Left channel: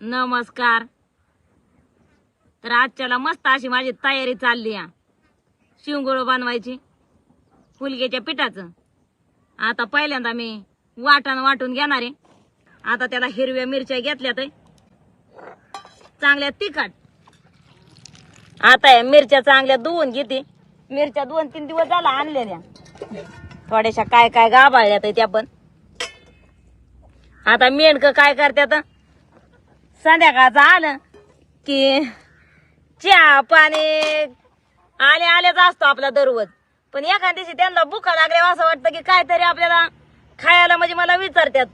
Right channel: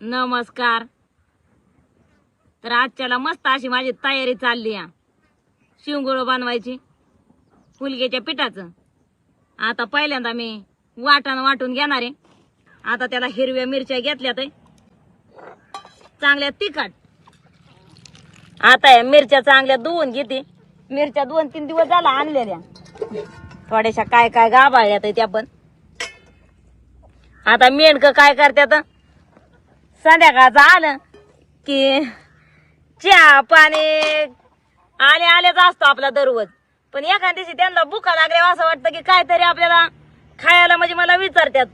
नमस्कार. तर आजच्याला मस्त अशी माझी तयारी चालली आहे शिवगोळ बनवायची हुलग्याच्या पिठाचं. आता पहिल्यांदा मी वाटण वाटून घेणार आहे. आता त्याला हिरव्या मिरच्या घेतल्यात चांगल्या तिखट. आता या मिरच्या चांगल्या धुवून घेते. मिरच्या 2-3 दिवस झाला आणलेल्या, थोड्याशा काय काय गाभाळल्यात त्या पण. आता मेंढक काय करतात, संध्याकाळचं आलं की चहा पाणी आले आलेच असतो आपला दररोज. पण एखाद्या दिवशी त्यांना भुका लागल्या असं वाटतं की काहीतरी आपल्याला खायला, म्हणजे मला विचारतात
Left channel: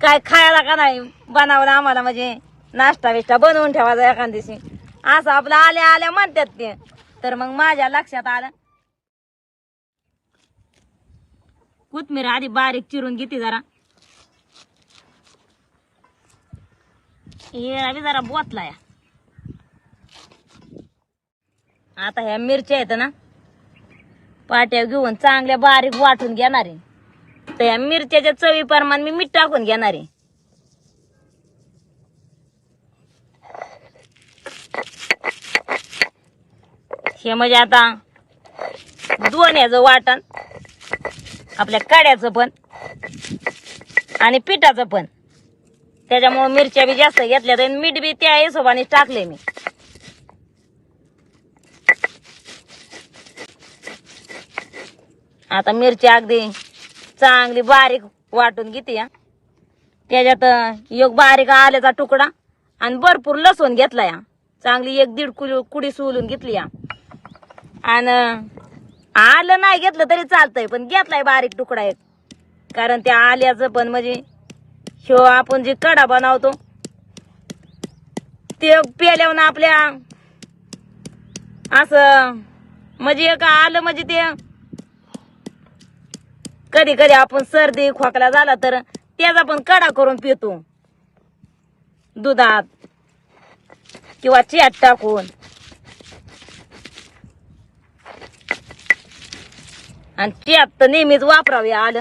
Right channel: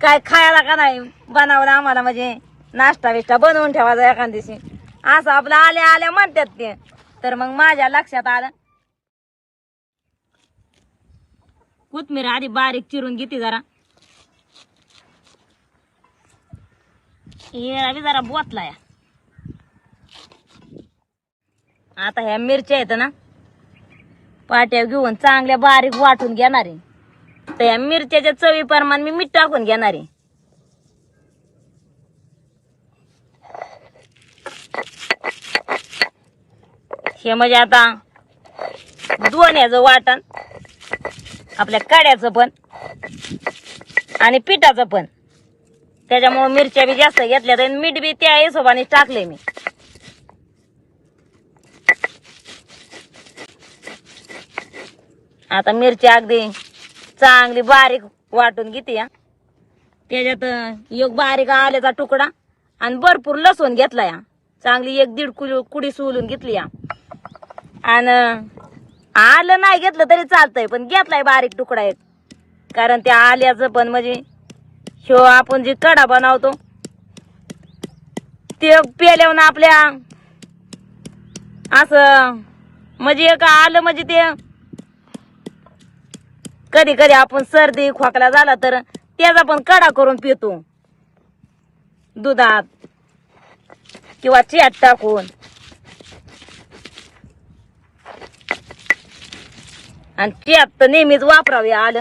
काय खायला का नाही बनवलं आम्हाला, म्हणजे नाश्ता बिष्टा बनवून ठेवायचा एखाद्या दिवशी, असं आपलं आल्या आल्या म्हणतात ते. तर मग माझ्या लक्षात आलं कोथमीर आधी बारीक चिरून घेते जरा. हे जरा बोतलाय. आता ह्या मिरच्या आहेत ना पाट्या घेऊन चांगल्या बारीक वाटून घेणार आहे. तर या मिरच्याच्या चवी प्रमाण मी मीठ टाकून घेणार आहे. हे म्हणजे आता दोन ह्याचं वाटण, आपल्या कड्याचं पण आणि पिठाचं पण, त्याच्यामुळे मिरच्या बी जास्त घेतल्या तर मीठ बी त्या हिशोबाने टाकले मी. आता मिरची अगदी चांगली बारीक वाटून घेते. त्याच्यात एक बारीक आल्याचा तुकडा आणि भरपूर लसूण घेतला या, चांगली 1-1.5 कुडी सोलून घेतली या. आणि आलं नाही घेतलं तरी चालतंय, पण घेतलाय बारीक तुकडा एक, कारण त्या आल्याचं पण म्हणजे ह्यो आपण जे कडा बनवतो ते पेल्यावर आपल्या असं म्हणजे एक आलं म्हणजे ते कधी कधी आपण सर्दी खोकला झाला तर त्याचा पण कडा करून पितो दुधात किंवा चहात टाकून. आणि चहात तर नेहमीच वापरावे आलं.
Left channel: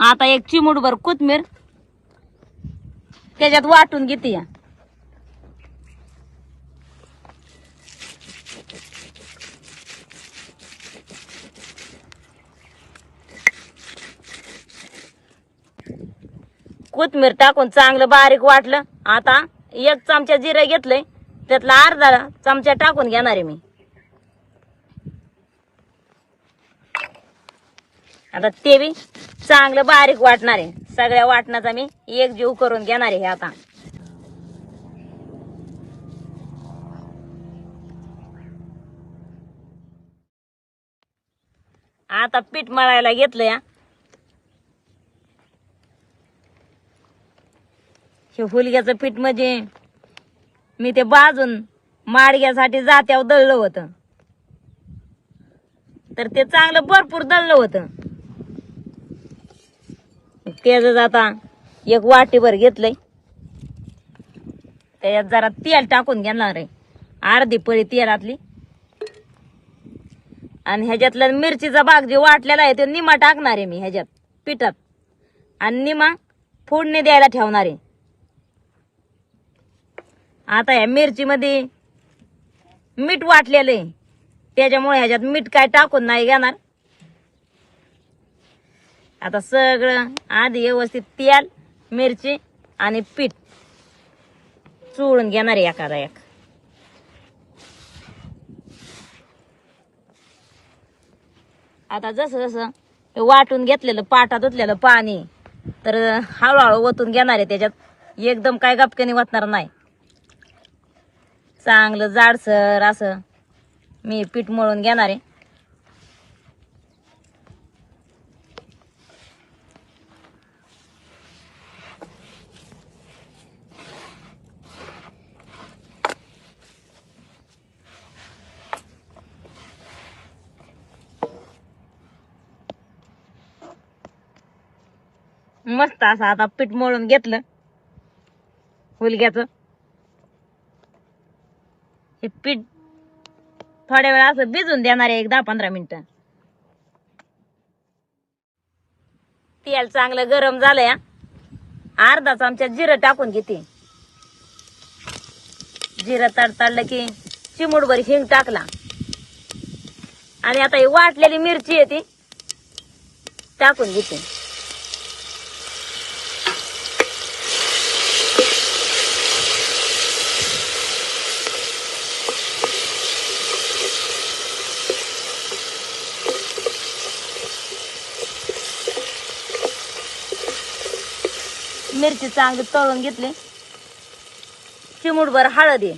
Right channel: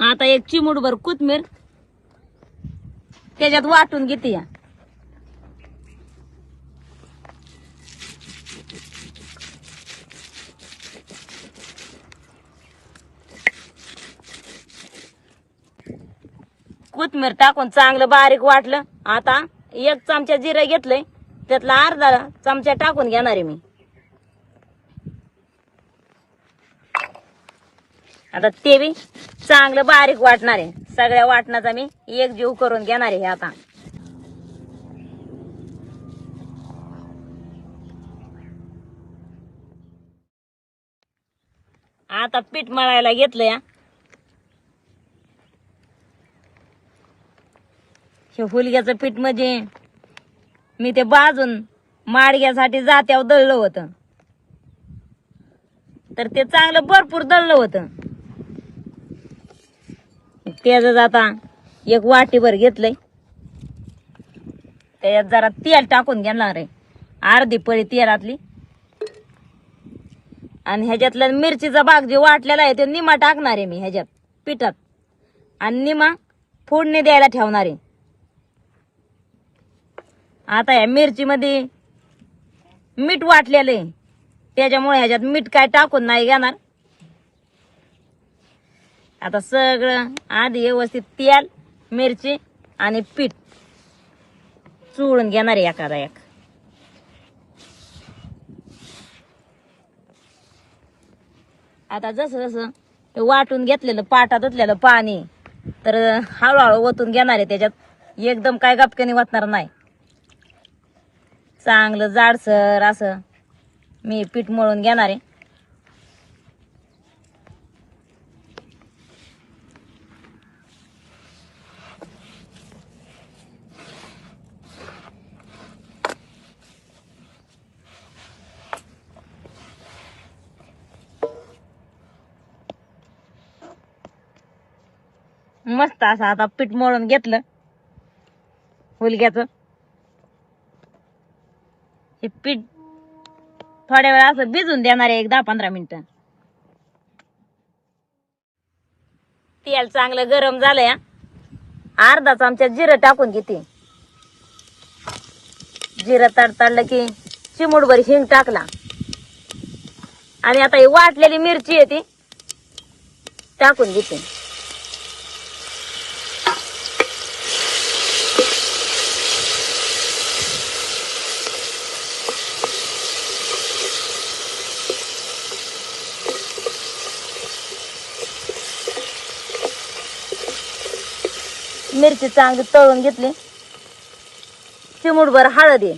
आता एक चिमूटभर कोथमीर त्याच्यात वाटून घेते या. कोथमीर टाकून चांगलं बारीक वाटलं. आता 1 चमचा जिरं घेतलंय, त्यातला अर्धा चमचा टाकून घेणार आहे मी. आता ते बी चांगलं बारीक वाटणार आहे. सगळ्या वाटणाचा मी एक जीव करून घेणार आहे. आता आता पीठ मळायला घेतलंय. हे हुलग्याचं पीठ म्हणजे मी ते बाजून माडग्यासाठी जात्यावर दळलं होतं, तर ते चांगलं भरपूर दळलं होतं. त्याच आता एक वाटीभर घेतलंय, त्याच्यात जरा तेल टाकून घेणार आहे, अर्धी पळी तेलातली. आणि ह्याच्यातला मिरचीचा भाग जे वाटलेला आहे तो निमा टाकणार आहे मी ह्याच्यात पिठात, आणि निमा फोडणी द्यायला ठेवणार आहे. आता ह्या मिरची मध्ये मीठ वाटलेलं आहे, त्याच्यामुळे ह्याच्यात मीठ काय टाकून नाही घेणार. आता सगळं आधी व्यवस्थित तेल, मिरची आणि पीठ चुळून घेणार आहे एखादा एक. आता जसं जसं वाटून घेतलेलं पाटात ओतलेलं पाणी तर हळूहळू ओतून घेणार आहे त्याच्यात. एकदम काय गपक्याने वाटणार नाही. चांगलं जाडसर असं मी पीठ मळून घेणार आहे. मस्त असं आता पीठ मळून घेतलं हुलग्याचं. हे पीठ थोड्या वेळ असं भिजून देणार आहे, एक 10-15 मिनिटं. तेल चांगलं गरम झालंय. अर्धा चमचा जिरं टाकून घेते. जिरं तडतडलं की चिमूटभर हिंग टाकला. आणि आता ही वाटलेली मिरची आहे ती टाकून घेते. मिरची चांगली तळून घेतली. चिमूटभर हळद आहे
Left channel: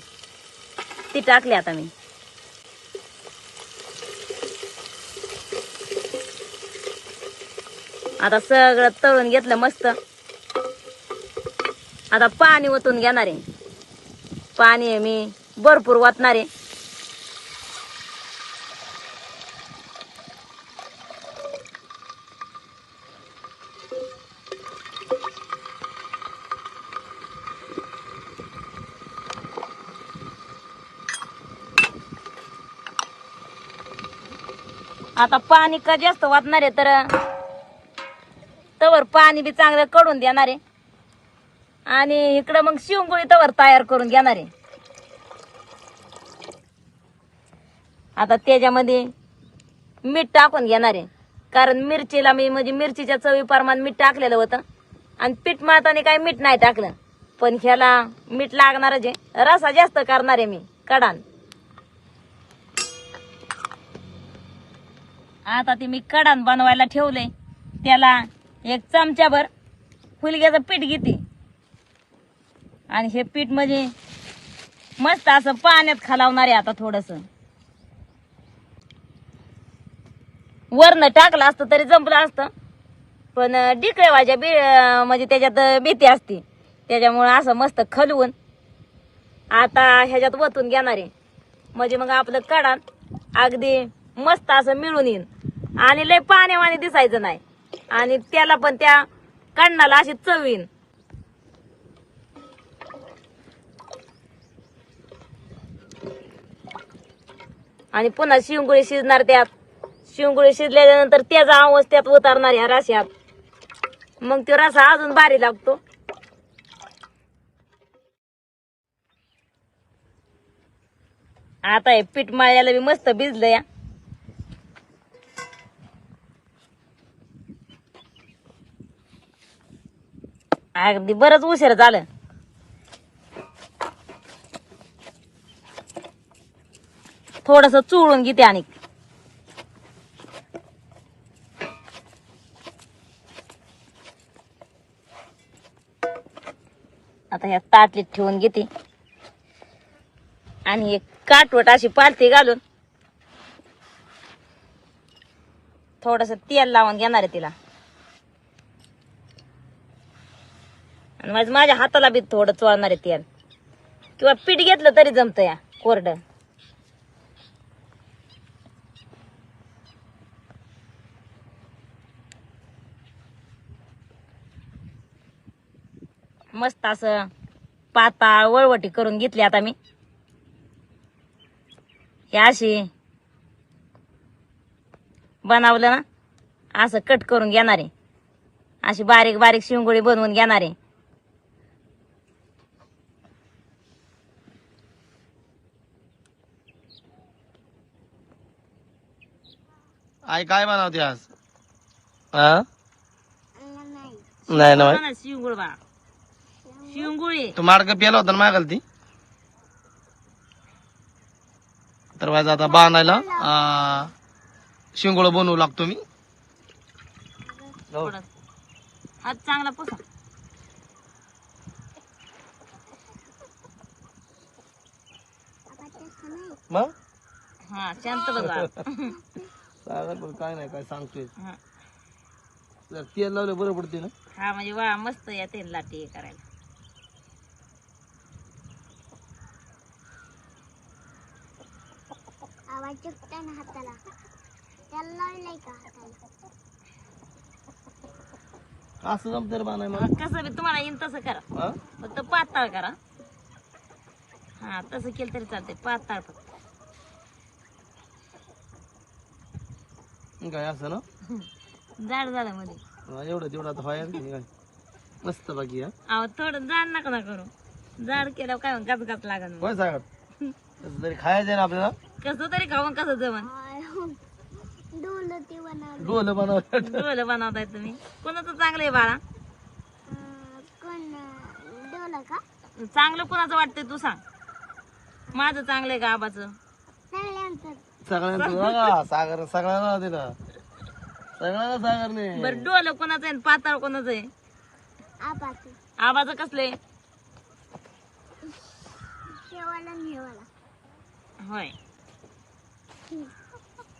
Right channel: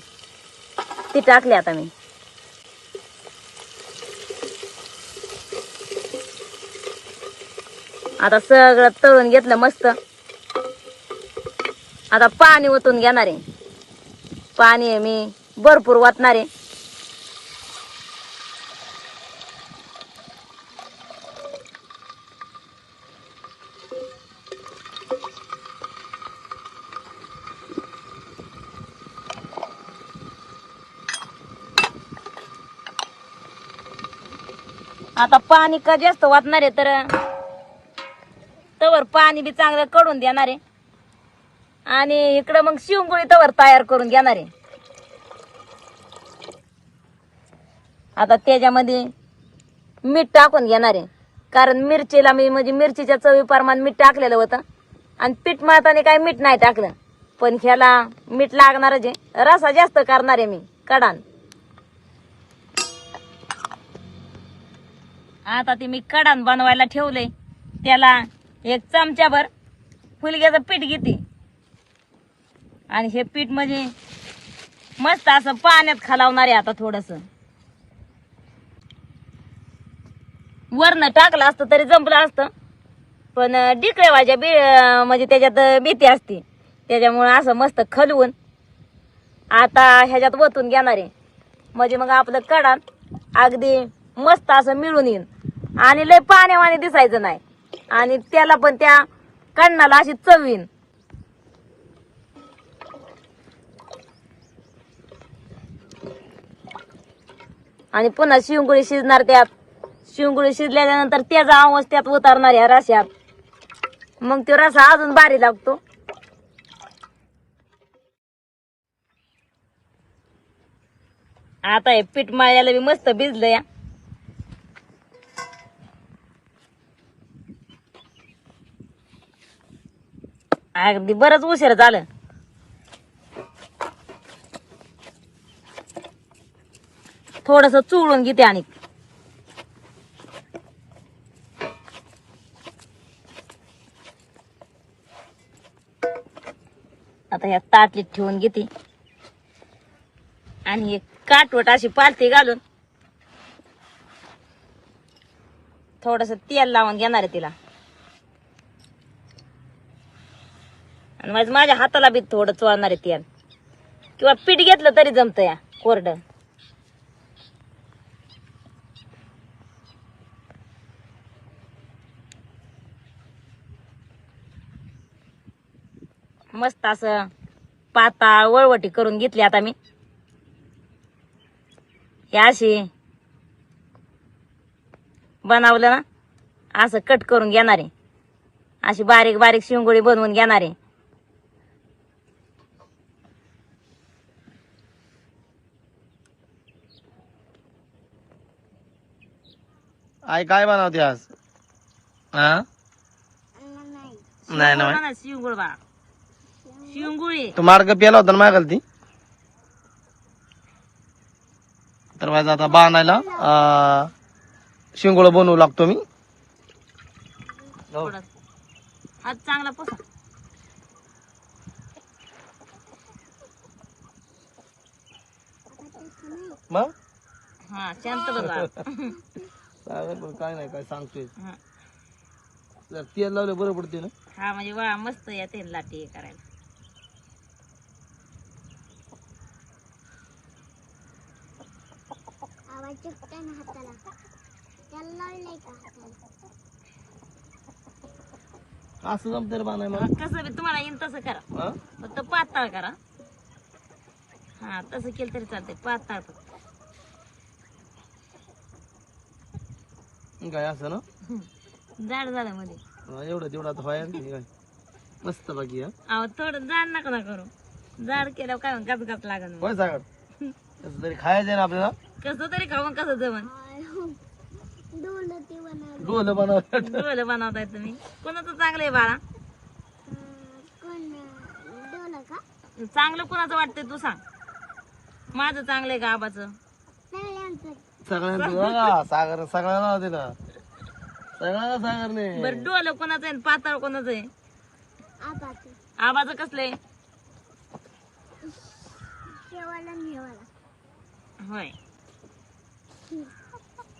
ती टाकली आता मी. आता सगळं तळून घेतलं मस्त. आता पाणी ओतून घेणार आहे. पाणी आहे मी भरपूर ओतणार आहे. आता पाणी का जास्त वाटणार आहे तर तवर पाणी बी चांगलं कडून देणार आहे. आणि इकडं मग शिवगोळी तवर तयार करून घेणार आहे. आता त्याच्यामध्ये मीठ टाकून घेणार आहे. कारण मिरचीला मी म्हणजे मिरचीच्या चवी प्रमाण मीठ टाकलेलं होतं. आणि पीठ मळताना काही मीठ नाही टाकलं. पण ह्याला मीठ लागणारच आहे. रसा जास्त करणार आहे मी कडान. आता ते मी कडान बनवायला ठेवले. त्याला एक चमचाभर फुलग्याचं पीठ घेते. आणि हे पीठ म्हणजे मस्त असं पाण्यात खालावणार आहे. आता थोडस वरनं टाकलं असतं तरी जमलं असतं. पण डिकळे भाज्या म्हणजे त्याच्यात भीती असते. त्याच्यामुळे असं मस्त खलवून आता ह्याच्यात वतून घेणार आहे. म्हणजे मग आपलं कडान अगदी मस्त असं मिळून येईल. आणि लय पाण्यावाने दिसायचं नाही. आणि त्याला पण त्या कण्णाला अशी चव येईल. आणि पुन्हा शिवगोळी शिजणार त्यात. शिवगोळी शिजल्यानंतर त्याचा आवाज त्यात उतारणार या रश्यात. मग तो रसा अजून भारी लागतो. आता हे पीठ मळल्याला बी मस्त भिजलं या. अगदी बरंच उशीर झालं. थोडस चुळून घेते. आणि आता ह्या ताटलीत ठेवून घेते. आणि एक काटवट अशी पालथी घालून थोडस तेल लावून घेणार आहे तिला. आणि माझ्या हाताला बी थोडं चोळणार आहे तेल. किंवा पीठ घेतलं तरी जमतं या कोरडं. मस्त असं पाताळ वळवटी करून घेतली आता मी. हे अशी बनवलं ना असं कट करून घेणार आहे. अशी बारीक बारीक शिवगोळी बनवून घेणार आहे. आई काय बनवते आज? हा नाही ना शिवगोळ बा शिवगोळी. तू मार्ग प्याला होता ना मागाल ती. तर माझा आता बांधायला शिंगोळ बनवू लागतो मी. हात चांगला पुसा. मग हा शांत बघा. सागर पण काय नाही काय सांगतोय. जर तेल लावलं बरं पडते ना. हा म्हणजे वा मस्त या तेल लाटी करायला. असं जमतं बाणाय मला. कसं बी तुम्हाला येईन तसं करा. फक्त पातळ करा. हा तसं केलं तरी चालतंय. पातळ फक्त काय असं ना जाड झालं मध्ये. एवढं तेवढं आता व्हायला नाही काय मस्त बाकी हा अहो थोडं जाड नका ना करू. जाड केल्यावर काय गप गप लागन मग. काय सांगत तसं तरी खायचं आहे ना आपल्याला कसं तरी खाऊन कसं जमन. डोलं बनवतात डोलं बनवताय तुम्ही. कोणाचं चांगलं आहे बाळा. चांगलं कोणाचं वाटतंय तू सांग. माझं चांगलं आहे का आबाचं. सगळ्यांचं बघा सागर सगळ्यांना दिला सगळ्यांना सागर नाही बरं डोलं कोणाचं आहे आणि पाताळ कोणाचं आहे. आबाचं कसलंय. होय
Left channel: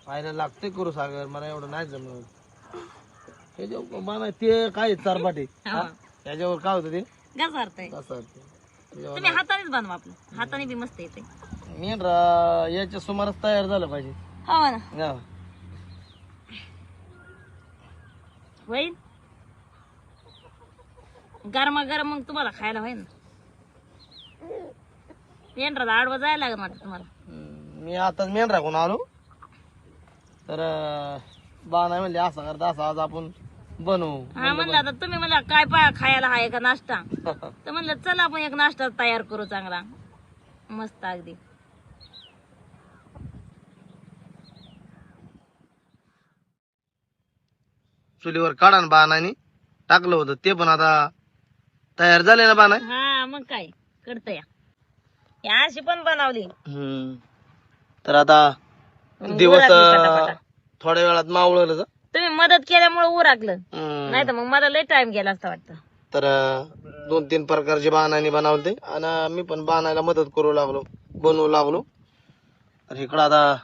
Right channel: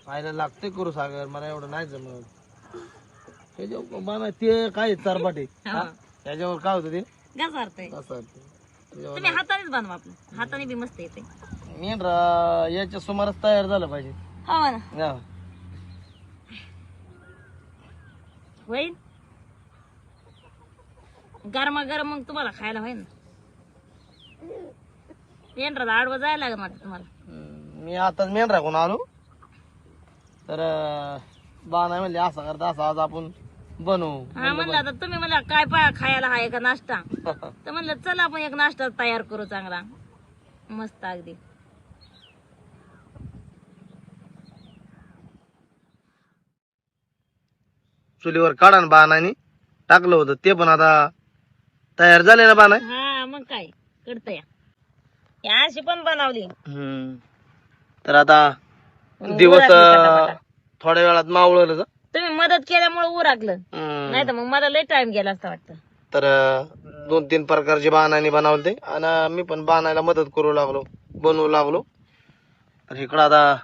खायला लागते करू सागर मला एवढं नाही जमत हे जे बाना ते काय चारपाटे त्याच्यावर काय होतं ते घसारतंय. कसं तुम्ही हातानेच बनवा. आपलं हाताने बी मस्त येते. मेंढरा याच्या सुमारास तयार झालं पाहिजे हो ना. हा. होईल गरमा गरम मग तुम्हाला खायला होईल ना. पेंढरा आडवं जायला लागेल वाटतं तुम्हाला. मी आताच मेंढरा कोण आलो तर बाना म्हणले असा करता असा आज आपण बनवू हा म्हणलं आता तुम्ही म्हणला काय खायला हाय का नाश्ता. तर म्हणलं चला आपण एक नाश्ता तयार करू चांगला मस्त अगदी. चुलीवर काढा ना बाणाने टाकलं होतं ते पण आता तयार झाले ना बाणा. हा मग काय करत या अशी पण बनवली. तर आता दिवस थोड्या वेळात मावळलं तुम्ही मदत केल्यामुळे उराकलं. नाही तर मग मला लय टाइम गेला असता वाटतं. तर 2-3 प्रकारचे बाणाने बनवले आणि मी पण बाणायला मदत करू लागलो बनवू लागलो. तर इकडं आता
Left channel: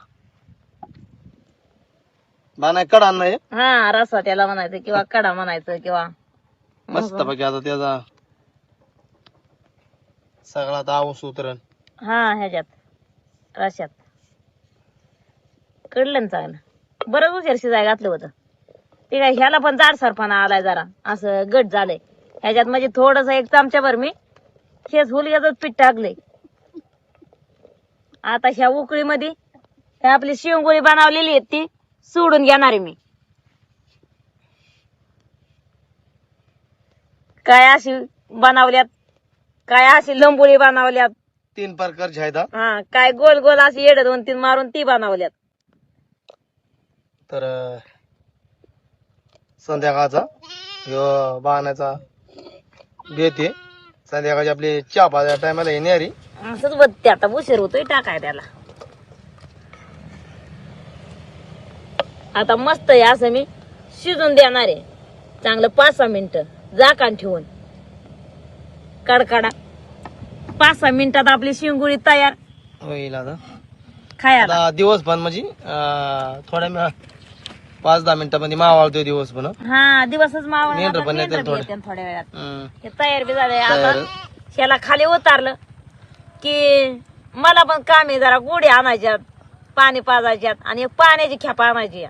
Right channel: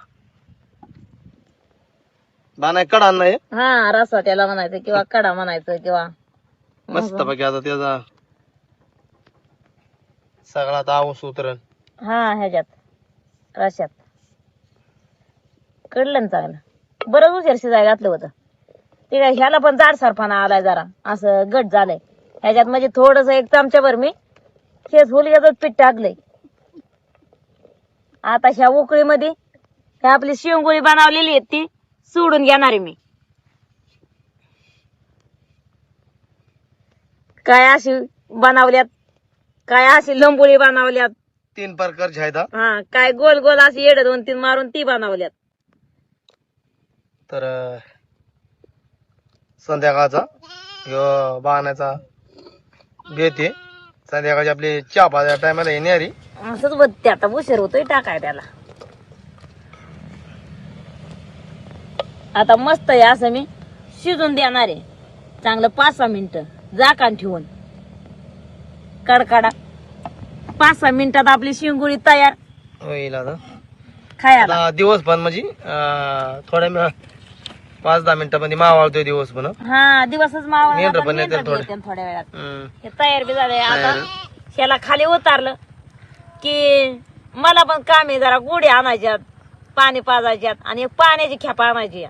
बाणाय कडा नाही हा रसा त्याला म्हणायचं किंवा कडा म्हणायचं किंवा मस्त बाकी आता त्याचा सगळा आता आऊस उतरण. हा ह्याच्यात रशात कडलं ना चांगलं. बरं उशीर शिजाय घातलं होतं ते काय. ह्याला पण जाडसरपणा आलाय जरा असं गट झालंय ह्याच्यात. म्हणजे थोडस 1 चमच्याभर मी शेज हुलग्याचं पीठ टाकलंय. आता ह्या उकळीमध्ये ह्या आपली शेंगोळी बनवलेली आहे ती सोडून घेणार आहे मी. काय अशी बनवल्यात काय अशी लंबोळी बनवल्यात. 3 प्रकारचे आहेत हा काय गोल गोल अशी येड 2-3 मारून ती बनवल्यात. तर संध्याकाळचा ह्यो बाणाचा बेत आहे. संध्याकाळची आपली चहा पाजा टायमाला येणारी असंच बघते आता उशीर होतोय टाकाय त्याला. आता मस्त आहे असं मी शिजून देणार आहे चांगलं 5-6 मिनिटं झाकण ठेवून. कडकडा 5-6 मिनिटात आपली शिंगुळी तयार होईल. आता खायला. दिवस पण म्हणजे थोड्या 5-10 मिनिटांमध्ये मावाळतोय दिवस पण. हा दिवसच मावा मेंढरं पण येतात थोड्या वेळात. हे तयार बी झालंय. आता ह्याला खाली उतारलं की मला पण काम आहे जरा गोडी आणायच्यात पाणी पाजायच्यात आणि एक पाण्याची खेप आणायची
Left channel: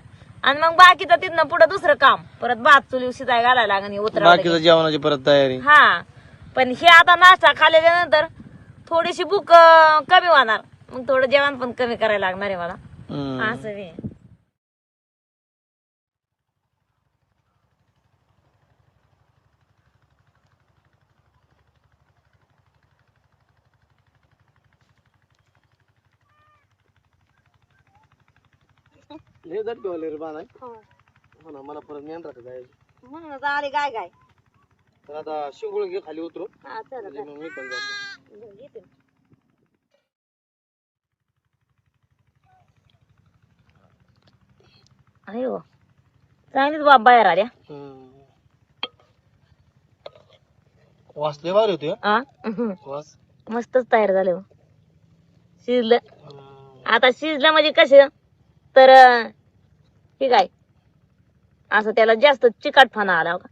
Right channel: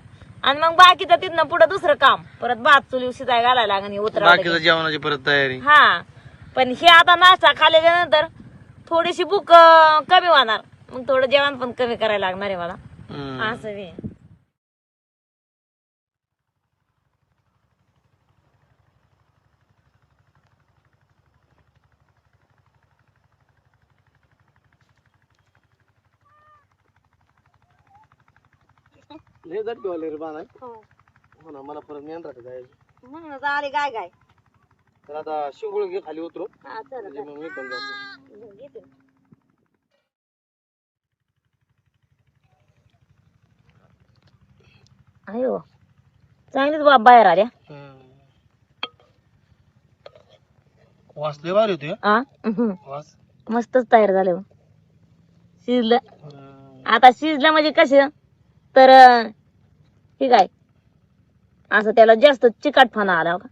आणि मग बाकीचं तिथनं पुढे दुसरं काम परत भात चुली शिजाय घालायला लागेल उतरावं. जेवणाची परत तयारी. हा पण हे आता नाश्ता खाल्ल्याच्या नंतर थोडीशी भूक कमी होणार मग थोडं जेवण पण कमी करायला लागणार आहे मला असं बी. लय झटके वाले रे बाणाय. हो ना मला परत मेंढरा जायचं म्हणून आले काय काय. तर आता शिंगुळ घे खाली उतरू हा चला म्हणजे मग मी पण जातो. घेते. अयो चांगलीच बाप बाहेर आल्या. वास लय भारी होते आ वास. मस्तच तयार झालं शिजलं. आता शिजलं म्हणजे कसं तर ठीक आहे असं त्याला जास्त चिकटपणा आला होता.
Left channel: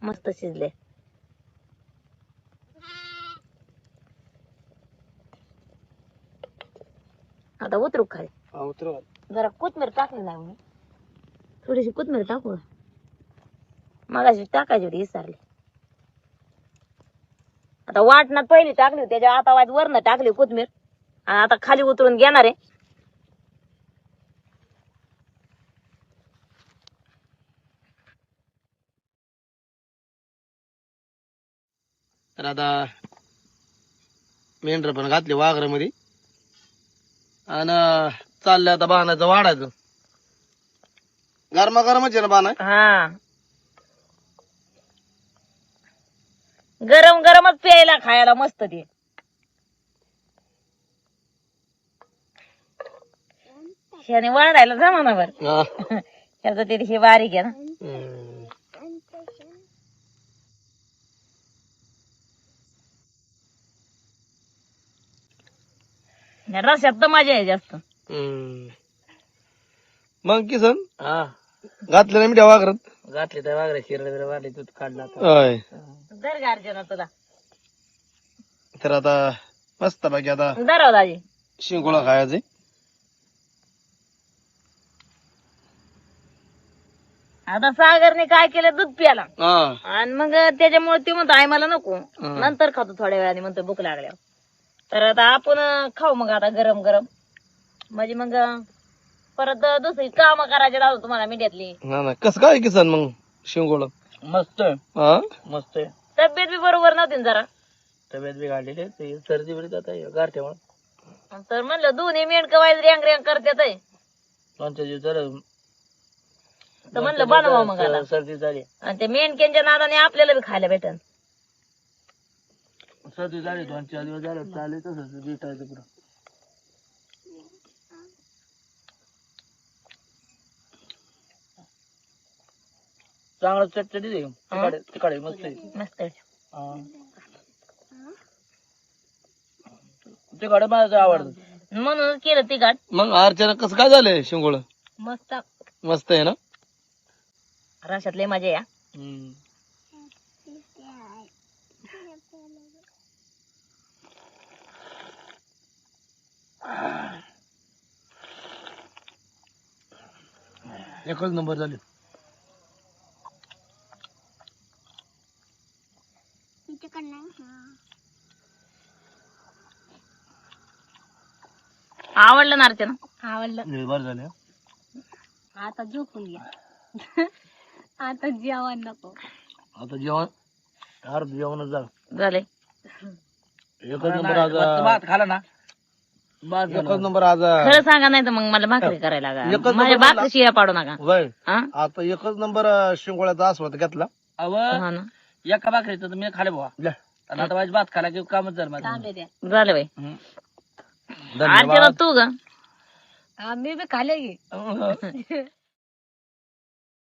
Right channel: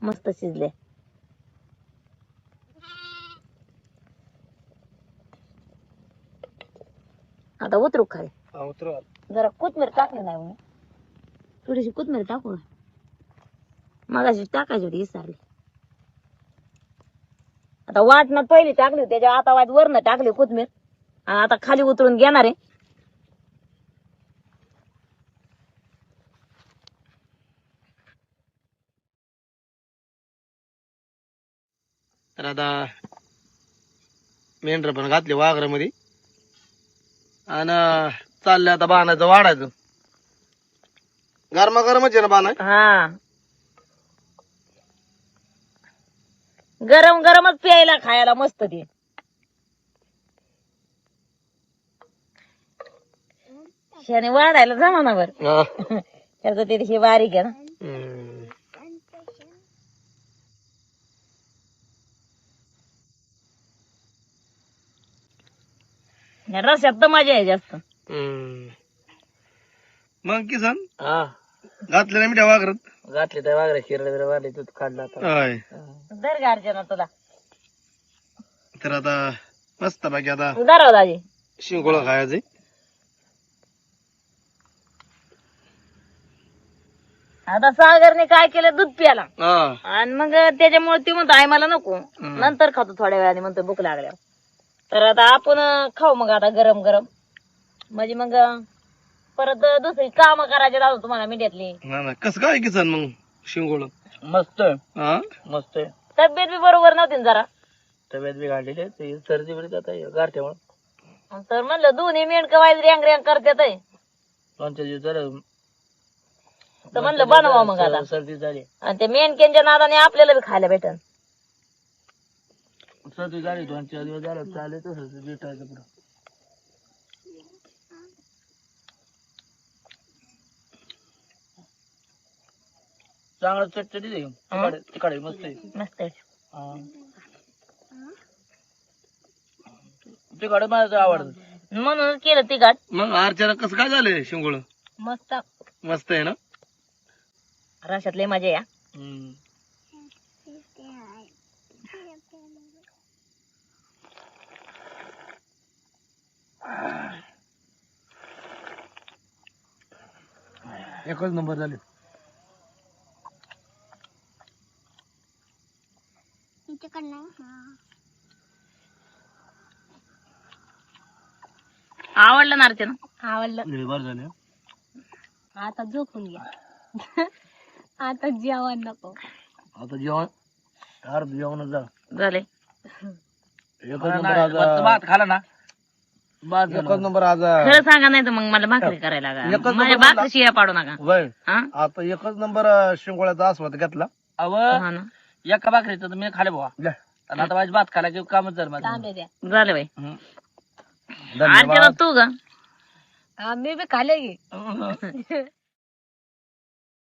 मस्त शिजले. आता उतरू खाली. उतरू. जरा कोथमीर टाकली नाही मी. थोडीशी कोथमीर टाकू मगाशी टाकायची होती विसरली. आता वाटणात पहिली टाकली होती त्याच्या आता वाट वरनं टाकली कोथमीर आणि आता खाली उतरून घेणार आहे. तर आता मेंढर पण घातले वाघरामध्ये आणि चाललं आता बाणाचं वाढायचं. गरमागरमच आहे ना बाण? हा, गरम गरमच प्यायला खायला मस्त ते. ह्याने वाढायला जमानावर. ह्याचं ते हे बारीक आहे ना. या रस्त्यात तर मजा आहे जास्त. मग किसन घातले ना मी त्या वाघरात. घातले त्या वागऱ्या शिरडे वाढले दूध काढला होय. धर गार्जन तुला. तर आता मस्त बाकी आता धराव दाजी. शिंगोळा खायचे. आता सागरने काय केलं, दूध प्याला आणि मग त्याच्यामुळे ती म्हणतो आई मला नको, नंतर खातो थोड्या वेळाने, म्हणतो भूक लागल्यावर. तर आता आपण खाऊ मग आता गरम गरम, म्हणजे मग परत दुसरी काम करायचे राहतो तुम्हाला मीडियातली. कसं काय किसन मग शिंगोळा? मस्त आहे, मस्त आहे. तब्येत बी बरोबर नव्हती ना जरा, तब्येत बी काढलेली ते सर्दी बिरी जात आहे गारठ्यामुळे. तर म्हणलं दोन्ही मेंढक वाईज रँग रँग करतात, दोनच्या दिवस झालं तर म्हणलं बनवा मग आता. सर्दी झाली, आणि ते मेंढक्यांच्या नादाने आपल्याला बी खायला भेटन. सर्दी झाली 2-4 दिवस झालं चालू तसंच भेटायचं पुढं. चांगलं चटचटी तिकडे मस्त आहे. मस्त आहे. तिकडे मला आवडतं म्हणून केलं तिघाट. मग अर्चना कसं काय झालंय शिंगोळ? मस्त मस्त आहे ना. रशात लय मजा या. एकच नंबर झाले. आवडलं ना अर्चना? आवडलं. बरं झाले. आता झोपून घ्या. आता जेवण नको. आता जेवण जेवणच झालं. झाले. एकच नंबर आज. भात खाला ना, एकच नंबर आज. खरं सांगा, नाही तर मग मला भाकरी करायला लागा. माझ्या भाकरी शिया पाडू नका. वय हा आता एकच नंबर शिंगोळ्याचा आस्वाद घेतला. अव हा ना. एका भाकरीचं तर मी खाले बाबा. आणि आता माझी भात खाला की कामच झालं माझं. झालं बाई. अर्चना तू ग? मी बी खाले की.